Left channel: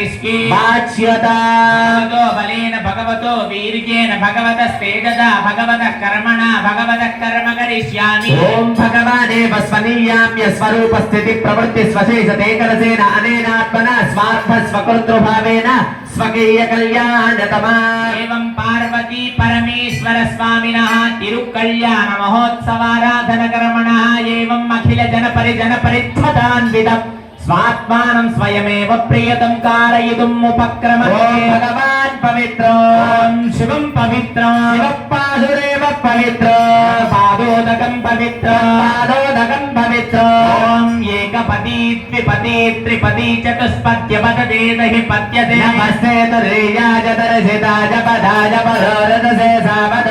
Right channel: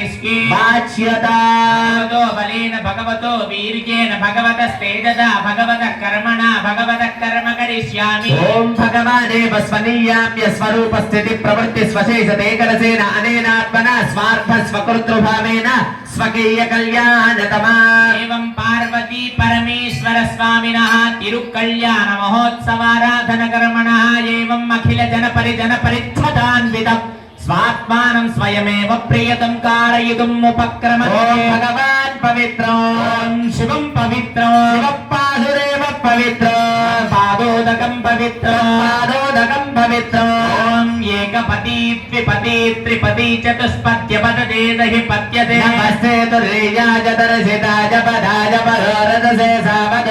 किसकी बाच्यता भगवतो बलेन भगवतो वीर्येण भगवतः स्वेददा भगवतः कर्मणा भगवतः कर्म करिष्यामि ओम भगवानेव स्वनीयाम्य स्वरूपस्थिति प्रवृत्ति स्वशेषतेकलसेन अनेनात्मना स्वार्थ स्वकृतृभावेन स्वकीय कल्याणतमा एवं पार्वती परमेश्वर स्वामिनः तिरुकल्याण महोत्सवाराधन कर्मणः एवं अखिल जन परिजन परिध्वतान्वितम् స్వాత్మానం స్వయమేవ ప్రియతం కారయుదుం ఉపక్రమ భగవాన్ పవిత్రం శివం పవిత్రం పాదురేవ పవిత్రం పాదోదకం పవిత్రం పాదోదకం పవిత్రం ఏకపతి ద్విపతి త్రిపతి చతుష్పత్య పదతే దహి పత్యతే నమస్తే తురేయాజ దర్శితాజ పదాజ పరోరదసే సావద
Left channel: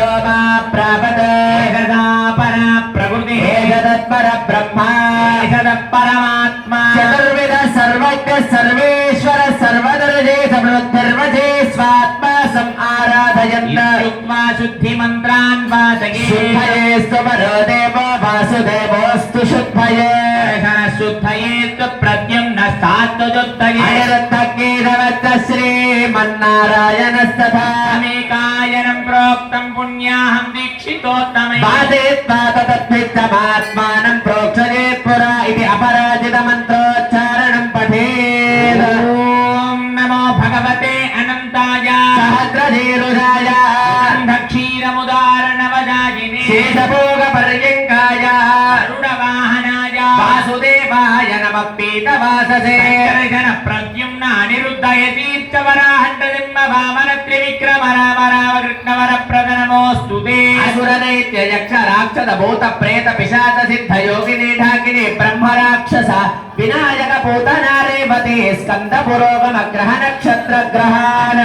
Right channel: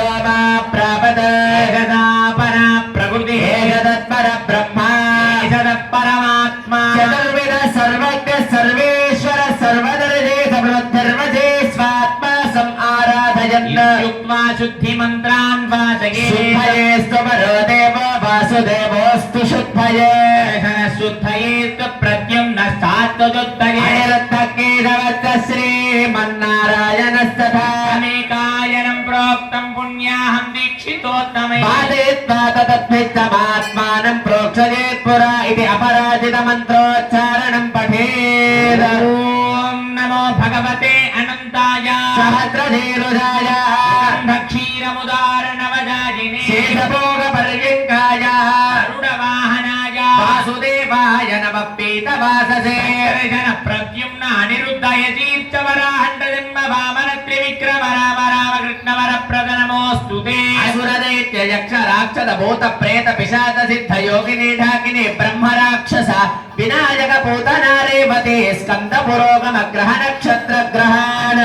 రాక్షస భూత ప్రేత పిశాచ సిద్ధ యోగిని ఢాకిని బ్రహ్మ రాక్షస వినాయక పూతనారేవతి స్కంద పురోగమ గ్రహ నక్షత్ర గ్రహాణ.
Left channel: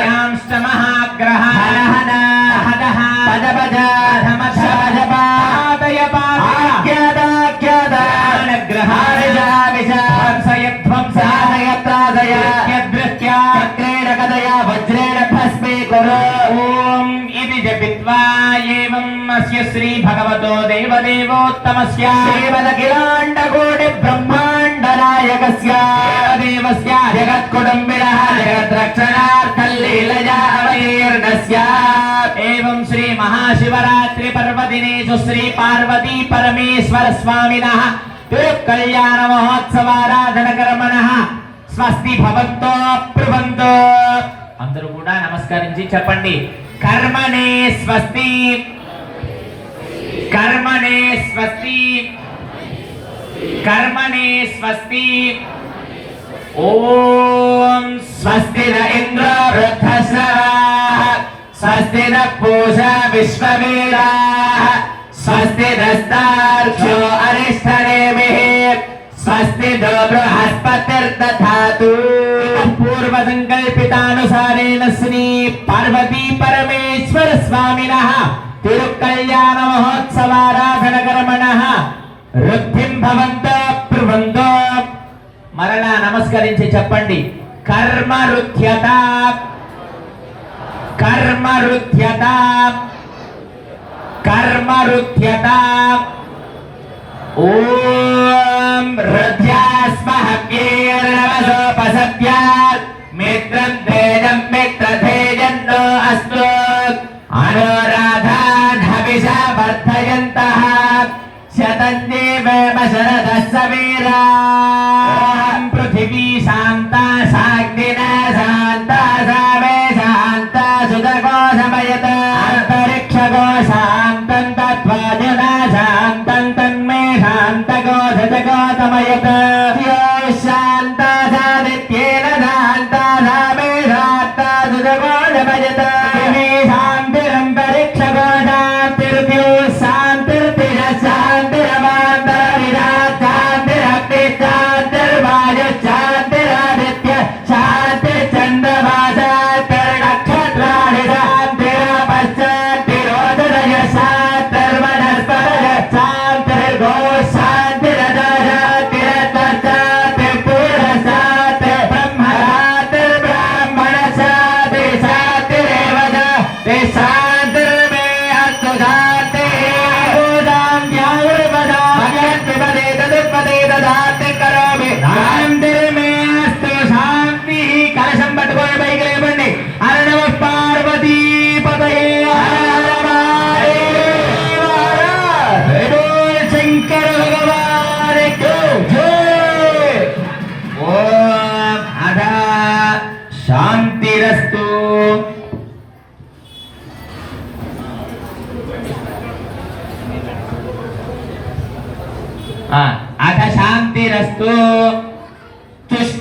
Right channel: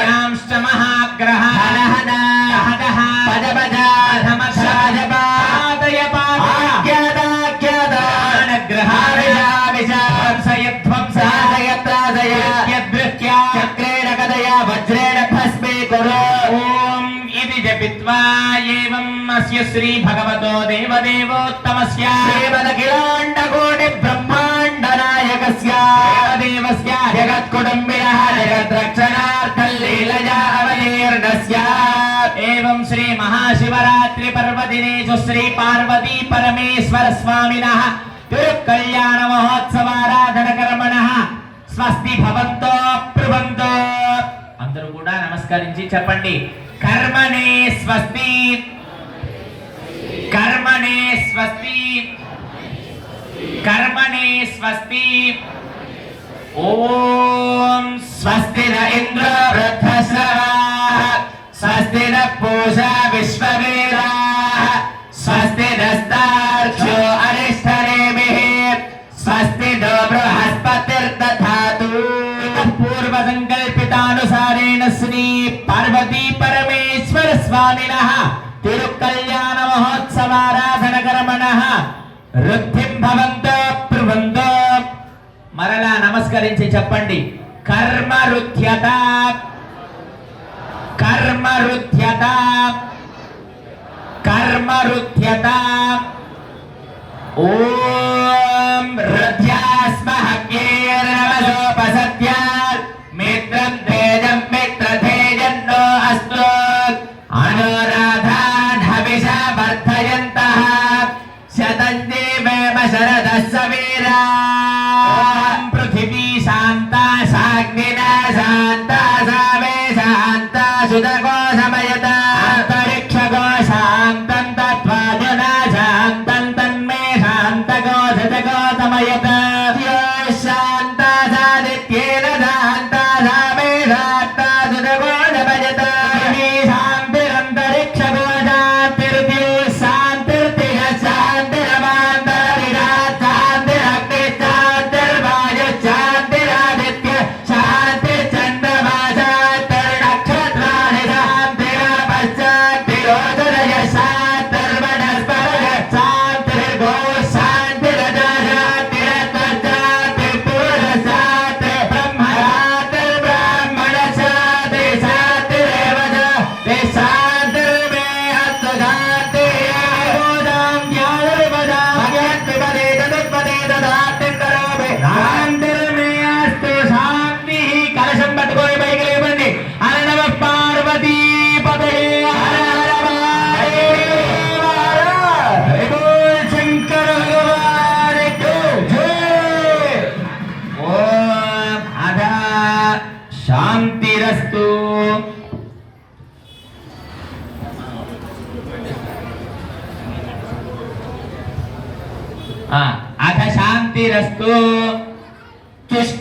శ్రీ భగవతో దేవదేవోత్తమస్య శ్రీమదఖిలాండ కోటి బ్రహ్మాండ నాయకస్య దేవస్య జగత్కుటుంబిన జగద్రక్షణార్థం లీలయా అవతీర్ణస్య ఏవం శ్రీ మహాశివరాత్రి పర్వదినేషు శ్రీ పార్వతీ పరమేశ్వర స్వామినః తిరుకళ్యాణ మహోత్సవారాధన కర్మణః స్వస్తి భవంతో ప్రభంతో అందరూ కూడా నమస్కరించి చెప్పండి. కర్మణే స్వస్తి. కర్మణే స్వస్తి కర్మణే స్వస్తి ఓం స్వస్తి ఇంద్ర వృద్ధశ్రవాః స్వస్తి న విశ్వవేరా స్వస్తి నస్తార్క్ష్యో అరిష్టరేమి స్వస్తి నో బృహస్పతిర్దాతు పూర్వ సంకల్పితానుసారేణ శ్రీ रुध्यता कर्म रुध्यता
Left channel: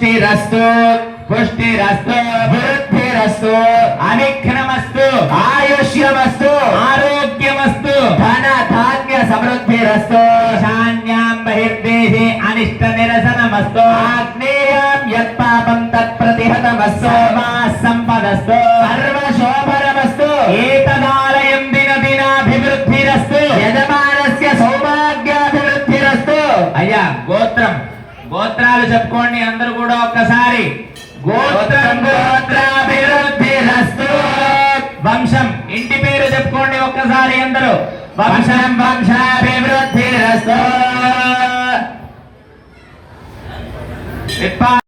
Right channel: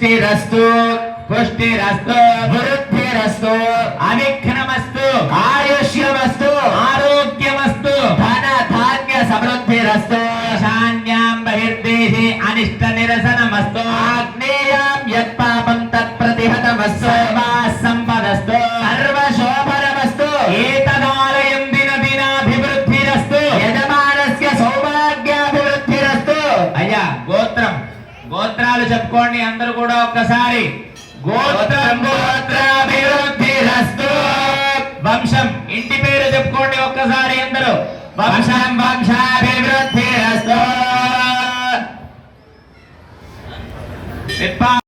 Vasteirastor, Vasteirastor, Vasteirastor. Epa!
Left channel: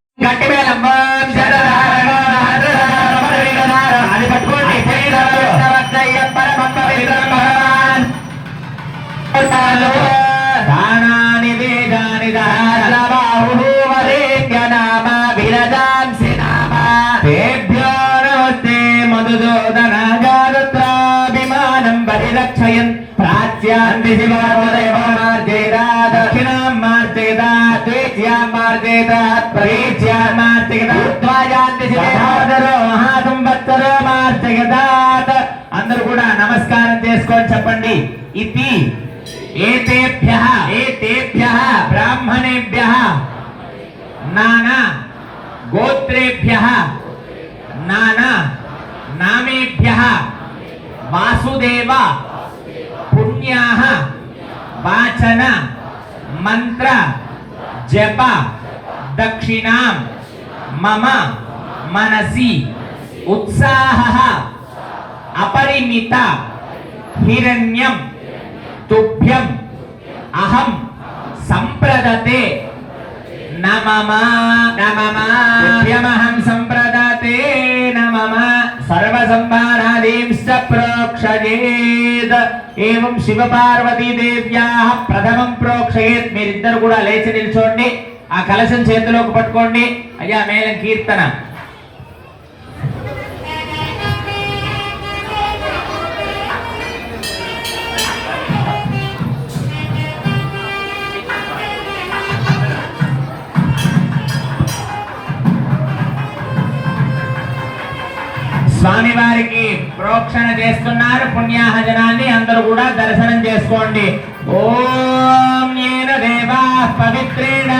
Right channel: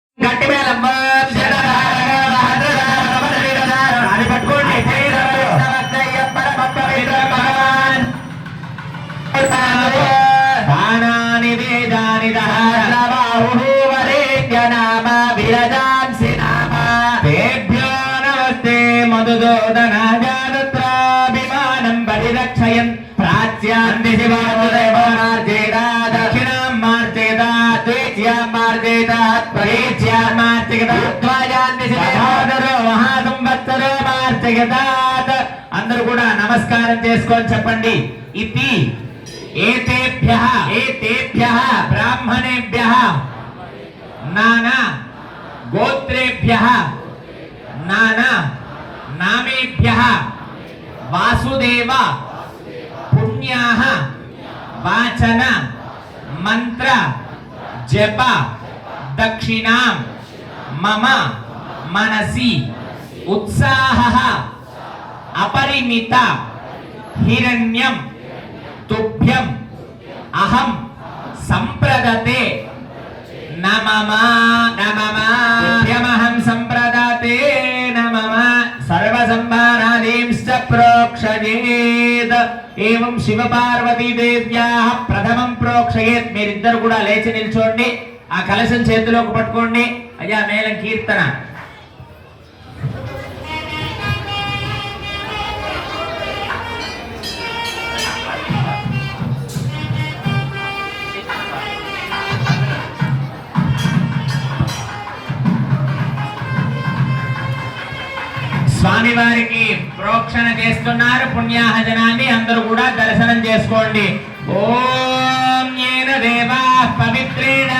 నానా. గోత్రేభ్య. నానా. నామేభ్య. వాసుదేవ. పుణ్యా. వాచన. మంత్ర. జప. దక్షిణా. మమ. మనసి. ఉత్సాహ. అపరిమిత. హిరణ్యం. తుభ్యం. అహం. సంప్రదతే. నమమ నమమ తుభ్యమహం సంప్రదతే నమమ సర్వసంభారాలీంశ్చ ప్రోక్షయేత్. ఏవం శివ పార్వతీ దేవ్యాః ప్రథమం ప్రోక్షయేత్. మీరిద్దరు కూడా లేచి నిల్చోండి. ఆ కలశం చేతిలోకి పట్టుకోండి. అయ్యా మేళం కీర్తన. స్వామివారికి ప్రోక్షణ చేస్తున్నారు. పుణ్యాహజనాన్ని అందరూ కూడా దర్శనం చేసుకోండి. ఓం ఏన దేవా పవిత్రేణ.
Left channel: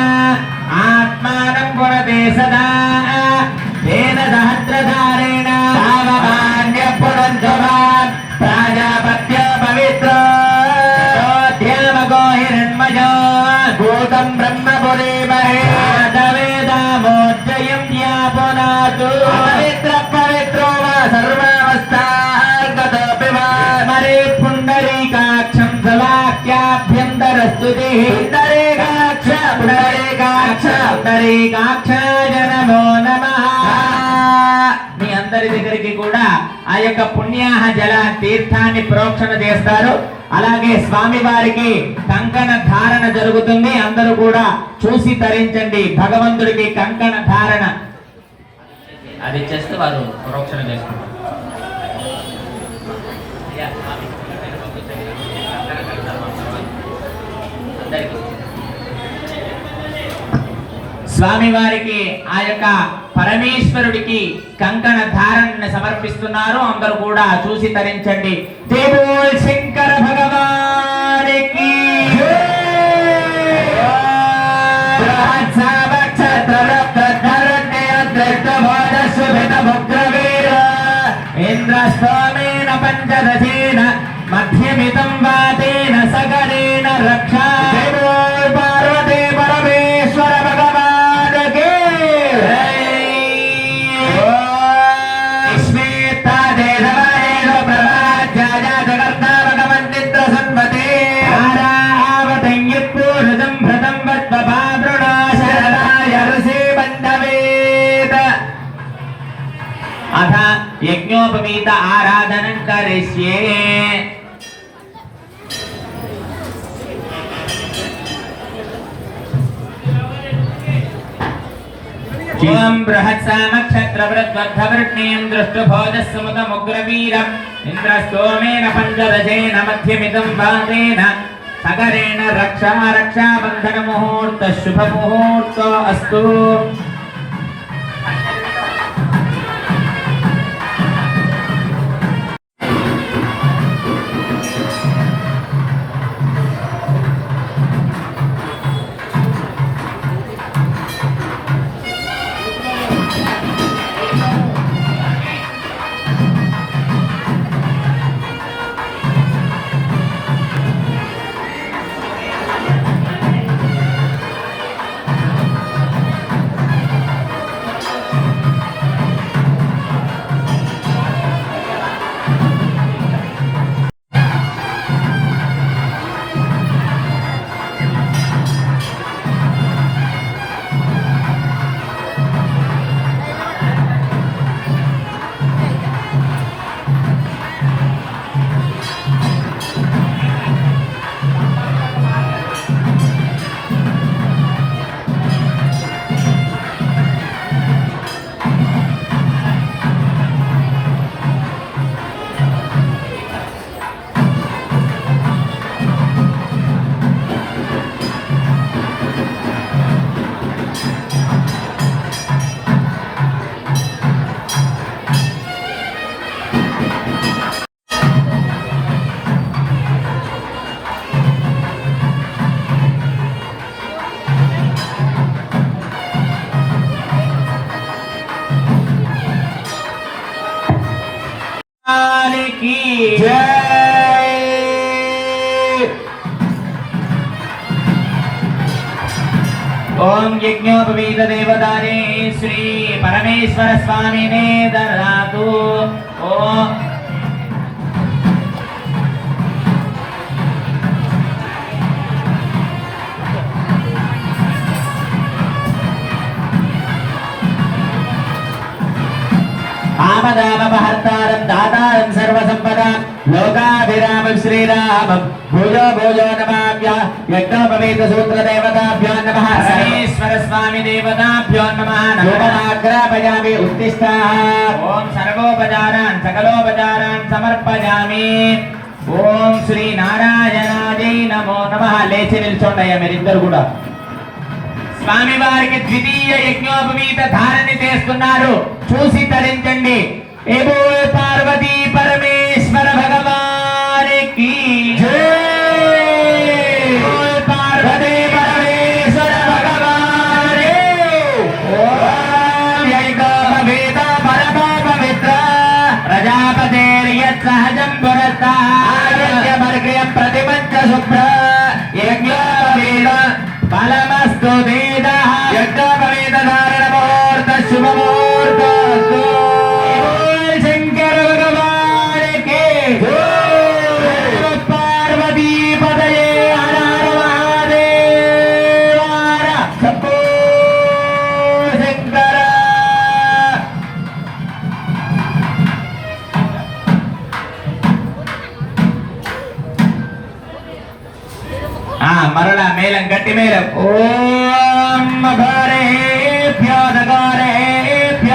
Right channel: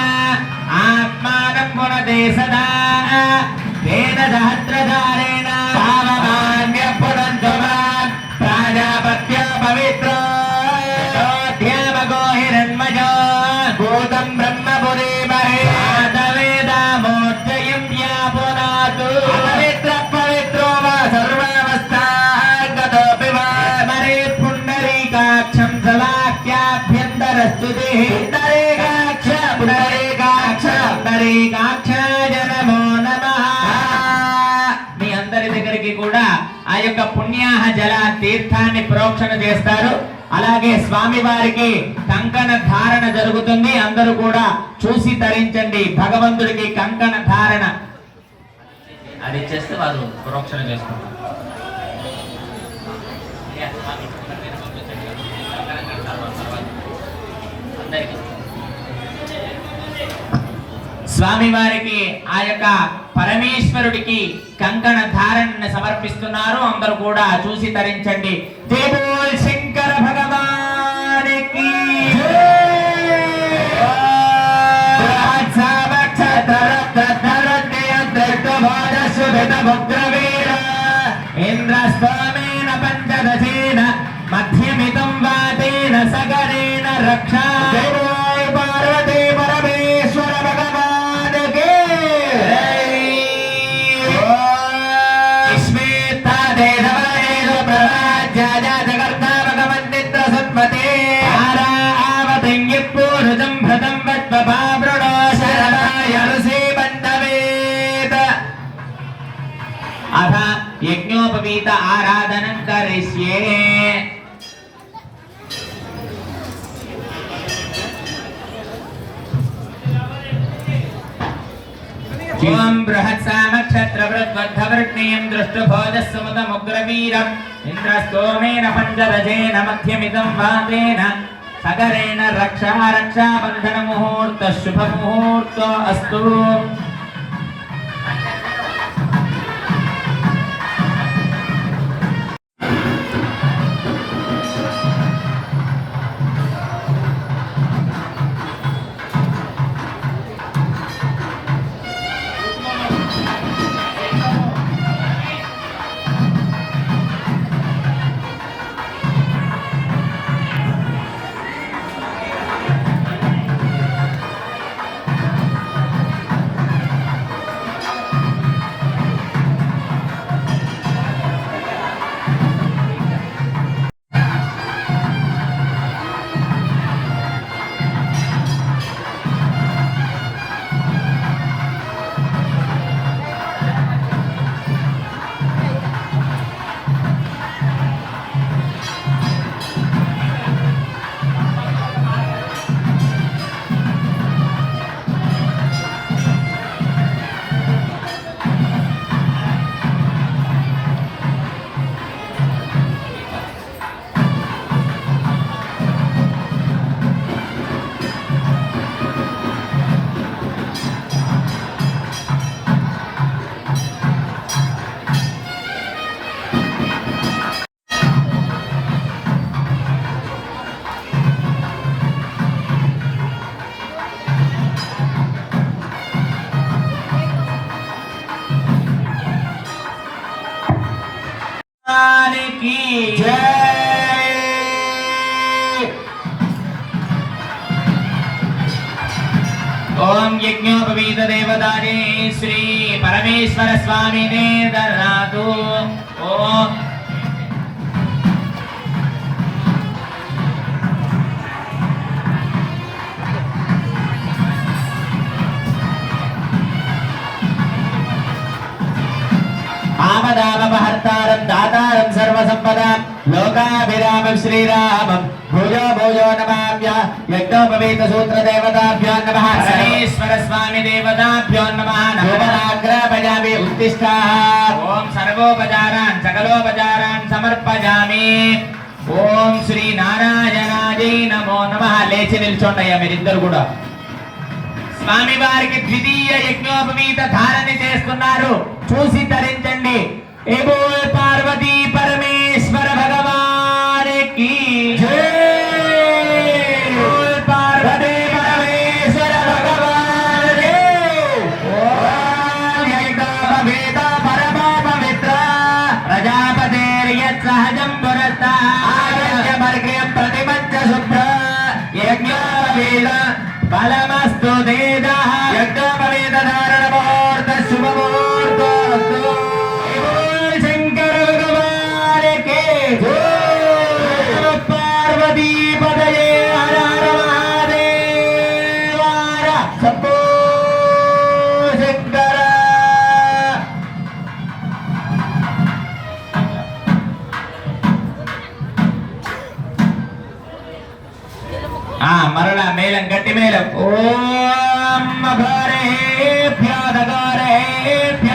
అలాగే స్వామి వారికి కంకణ ధారణ జరుగుతుంది. అందరూ కూడా చూసి తరించండి. భగవంతుడికి కంకణ ధారణ. అది చేస్తే వారు ప్రోక్షణ చేసుకుంటారు స్వామి వారికి ఆ యొక్క పరమేశ్వరుడికి కంకణ ధారణను సమర్పిస్తున్నారు. అందరూ కూడా చూసి తరించండి. జై బోల్ यज्ञोपवीत आराधन करिष्ये। शिवं बृहत्सामक्षत्रवृद्वद्धवर्णीयं दृष्टुभोजसुमुदमुग्रवीरम् इन्द्रस्तोमेन पञ्चदशेन मध्यमिदं भावेन सगरेण रक्षा रक्षाबन्धनमुहूर्तः अस्तु యజ్ఞోపవీత దేవదానే శ్రీ పరమేశ్వర స్వామినే దరాదు ఓం ఆమదామహత్తారం దాతారం సర్వసంపదాం లోకాభిరామం శ్రీరామం భుజో భుజో నమాభ్య యజ్ఞోపవేత సూత్ర దేవతాభ్యో నమః దేవతాభ్యో నమః నమః నమః ఉత్తిష్ట ఓం సర్వోపచారాన్ సకలోపచారాన్ సమర్పయామి ఓం శ్రీ నారాయణాయై నమో నమః. లేచి నిల్చోండయ్యా మీరిద్దరు కూడా. స్వామి వారికి ద్వితీయ యజ్ఞోపవీత ధారణి చేస్తున్నారు. చూసి తరించండి. ఏ పార్వతీ சகஜம் துரத்தான் మరలా మేళం గట్టి మేళం. ఓం భరేభ్య దగారేభ్య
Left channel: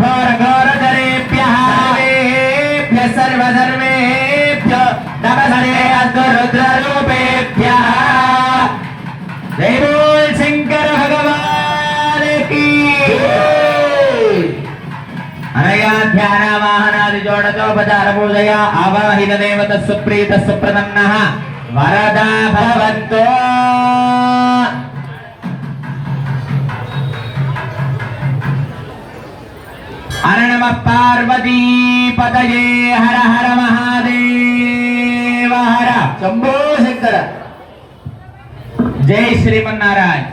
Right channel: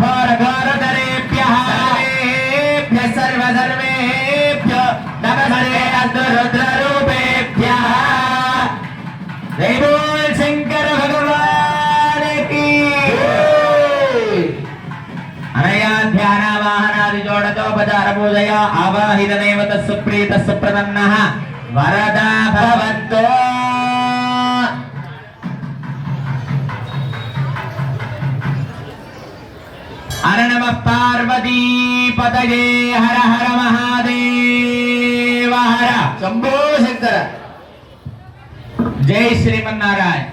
భరగరధరేభ్య సర్వేభ్య సర్వధర్మేభ్య నమస్తే అద్రుద్రరూపేభ్య జై బోల్ శంకర భగవానికి. అనయా ధ్యాన వాహనాది జోడతోపచార పూజయ ఆవాహిత దేవత సుప్రీత సుప్రదన్న వరదా భవంతో पार्वती पदये हर हर महादेव हर। शंभो शंकर। जय श्रीमारायण